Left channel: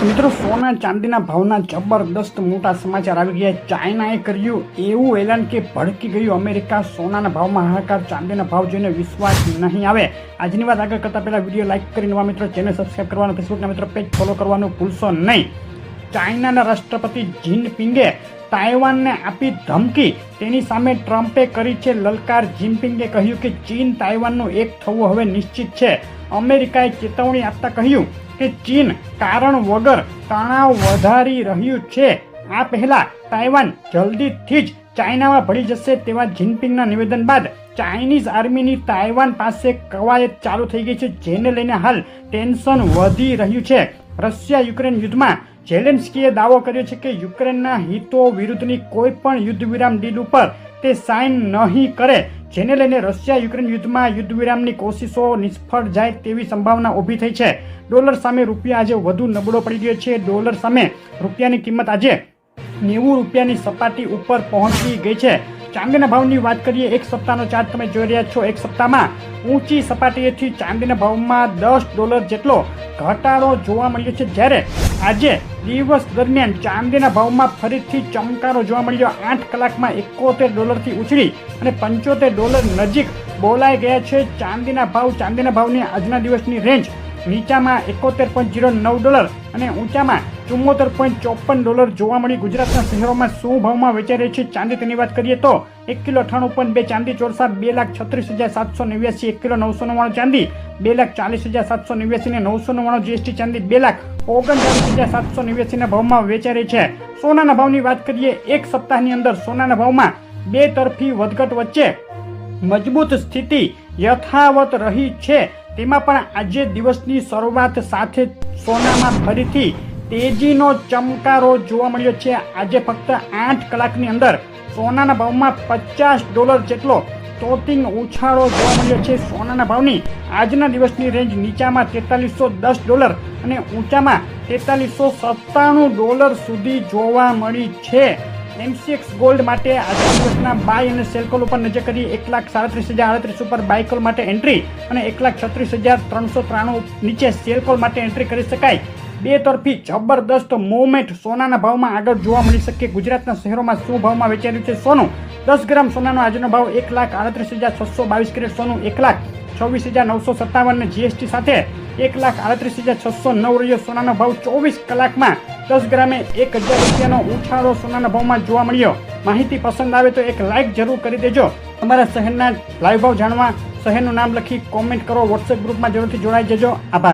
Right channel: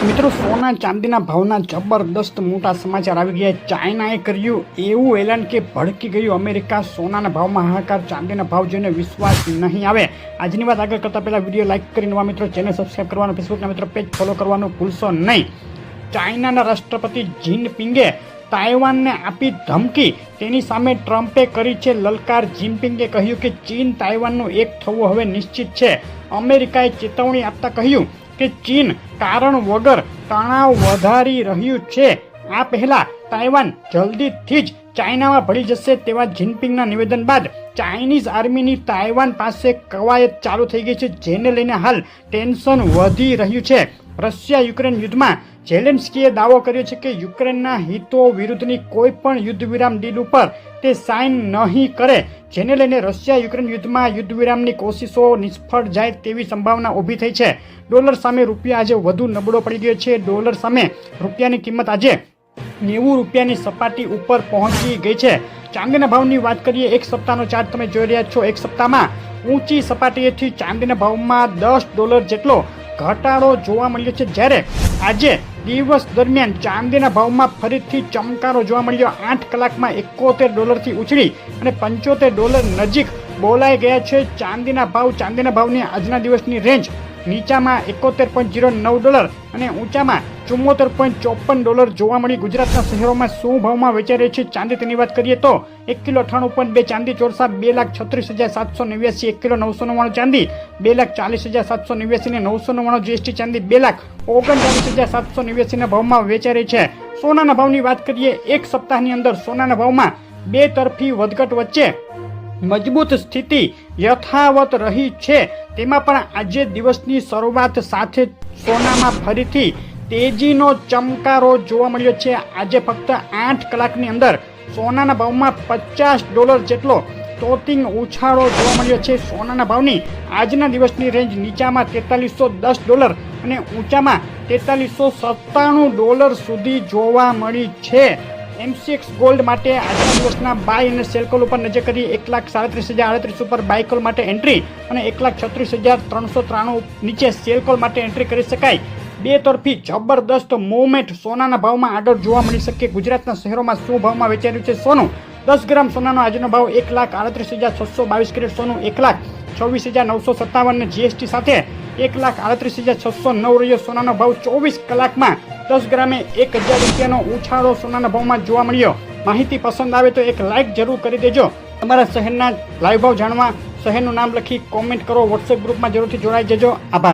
મિત્રો સોના ચાંદીના ભાવના જબરદસ્ત મોટા સમાચાર આવી ગયા। ચાઇનાએ કર્યું એવું એલાન કે ભડકી ગયું અમેરિકા। સોનાના ભાવમાં હાહાકાર, ચાંદીના ભાવ જોઈને વિશ્વાસ નહીં આવે। આજની વાત આગળ કરતા પહેલા વિડીયો લાઈક કરી નવા મિત્રો ચેનલ સબસ્ક્રાઈબ કરવાનું, ફેસબુકના મિત્રો પેજ ફોલો કરવાનું ભૂલશો નહીં। ચાઇનાના રાષ્ટ્રપતિ જિનપિંગે તાઇવાનને આપી ધમકી, તેની સામે ટ્રમ્પે કરી છે લલકાર। જિનપિંગે કહ્યું કે ચીન તાઇવાનનું એક થવું હવે નિશ્ચિત છે। અમેરિકાએ ચેતવણી આપતા કહ્યું કે ચીન કારણ વગર તણાવ વધારી રહ્યું છે। આ પહેલા તાઇવાન જલ્દીથી જ ચાઇનામાં ભળી જશે તેવા જિનપિંગના નિવેદન બાદ ચાઇનીઝ આર્મીની તાઇવાન પાસે કવાયત ચાલુ થઈ ગઈ છે, જેને લઈને હાલ ટેન્શન વધી રહ્યું છે। રશિયા યુક્રેન યુદ્ધમાં ઝેલેન્સ્કીએ દાવો કર્યો છે કે યુક્રેનના હિતો વિરુદ્ધની કોઈ પણ યુદ્ધ વિરામ ડીલ ઉપર તે સાઇન નહીં કરે, જેને લઈને રશિયા યુક્રેન યુદ્ધમાં યુદ્ધ વિરામની કોશિશો નિષ્ફળ જાય તેવી સંભાવના ઊભી થઈ છે। ડોલર સામે રૂપિયા આજે વધુ નબળો પડી ગયો છે। ડોલર સામે રૂપિયાની કિંમત આજે 90 રૂપિયાની સપાટી ઉપર પહોંચી ગઈ છે। ચાંદીના ભાવની વાત કરીએ, એક સપ્તાહનો ચાર્ટ તમે જોઈ રહ્યા છો। એક સપ્તાહમાં ઊંચી સપાટીએથી ચાંદીના ભાવમાં $10 જેટલો ઘટાડો જોવા મળ્યો છે, જ્યારે આજે દિવસ દરમિયાન ચાંદીના ભાવમાં ફરીથી ચમકારો જોવા મળ્યો। 8 કલાકમાં $71 થી ઉછળી અને $75 નજીક બોલાઈ ગયા છે ચાંદીના ભાવની આજના દિવસની રેન્જ નીચામાં $71.09 અને ઊંચામાં $74.54 જોવા મળી। ગુજરાતના શહેરોમાં શું ભાવમાં વેચાઈ રહી છે ચાંદી તેની વાત કરીએ તો 1 કિલો 98.2 ચાંદી ચોરસા 2,36,789, 1 કિલો 999 ચાંદી 2,40,789 ને 999 જીએસટી ચાંદી 2,39,789 ના ભાવમાં વેચાઈ રહી છે। સોનાના ભાવની વાત કરીએ, એક સપ્તાહની અંદર સોનાના ભાવમાં બે તરફી વધઘટ વચ્ચે મજબૂત સ્થિતિ યથાવત રહી છે। તેમાં પણ આજે દિવસની શરૂઆત સાથે સોનામાં ફરીથી તેજીનો ચમકારો જોવા મળ્યો છે। આજે ફક્ત 8 કલાકની અંદર સોનાના ભાવમાં $50 જેટલો તોતિંગ ઉછાળો જોવા મળ્યો છે। સોનાના ભાવની આજના દિવસની રેન્જ નીચામાં $4310 અને ઊંચામાં $4397 સુધી જોવા મળી છે। MCX ગોલ્ડ માટે આજના દિવસના બાય અને સેલ કોલ ઉપર નજર કરી 1,37,038 ઉપર બાય કોલ માટે એન્ટ્રી અને 1,36,393 નીચે સેલ કોલ માટે એન્ટ્રી કરી શકાય। બે તરફી જબરદસ્ત મૂવમેન્ટ સોનાના ભાવમાં આગળ જોવા મળી શકે। ગુજરાતના શહેરોમાં શું ભાવમાં વેચાઈ રહ્યું છે સોનું? 10 ગ્રામ સોનાનો આજનો ભાવ 1,38,622, કેરેટ સોનું 1,26,957 ને જીએસટી સાથે 1,38,609 રહ્યો સોનાનો ભાવ। 24 કલાકમાં 10 ગ્રામે 1,000 રૂપિયાનો ઉછાળો સોનાના ભાવમાં જોવા મળ્યો। માહિતી પસંદ આવે તો એક લાઈક જરૂર કરી દેજો। તમારા શહેરના લાઈવ ભાવ જાણવા શહેરનું નામ લખી કોમેન્ટ કરો। વોટ્સએપ ગ્રુપમાં જરૂરથી જોડાઈ જજો। આભાર।